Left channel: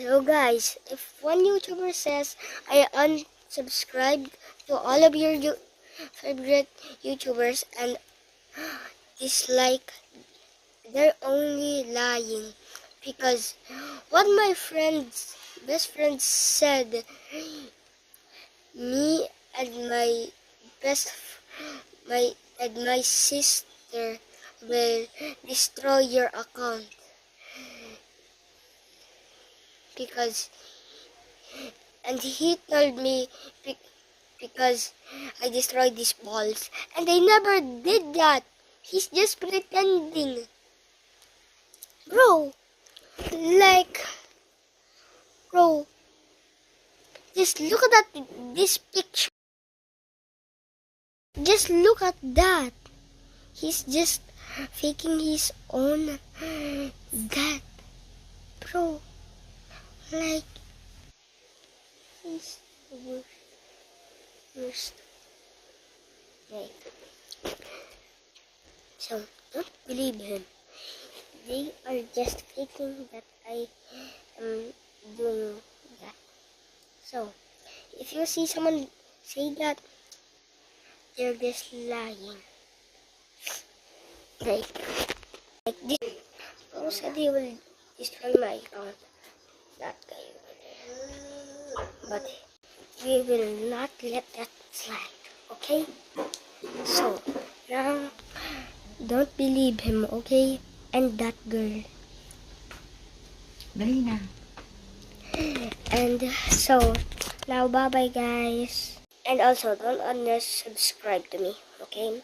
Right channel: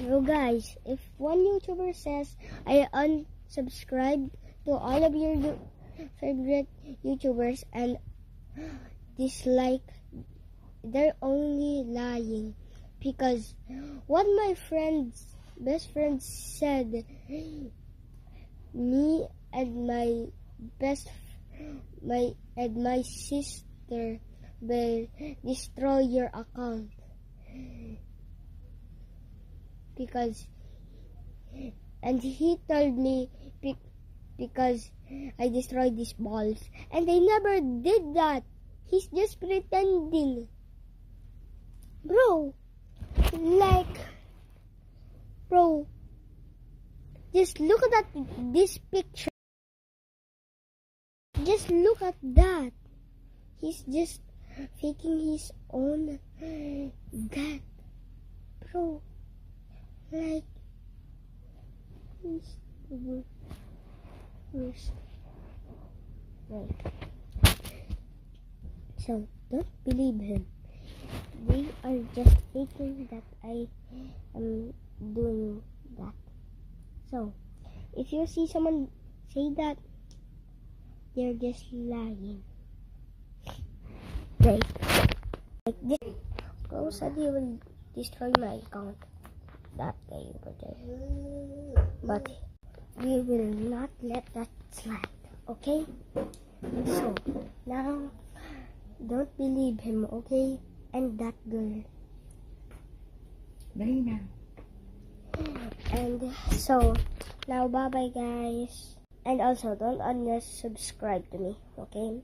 So guys, if one YouTuber says I unsubscribed to all of your favorite YouTubers and dislike, they're only lying, because what my best friends said, me and my sister will destroy your account and he told me because I destroyed these balls, and I never did that. He's just pretending. Bro, bro, just look at this picture. Just look at that. He's just faking his own that. Bro, he's the worst. So, don't believe him. They are just faking that I am doing that. So, if you see someone say that, they're just lying. Like this. Bro said he will destroy my account. That guy over there. But we will not let that slide, okay? So, now, don't believe him, okay? And that girl. Dali na. And so, now bye-bye guys. And also, don't unsubscribe to me, okay?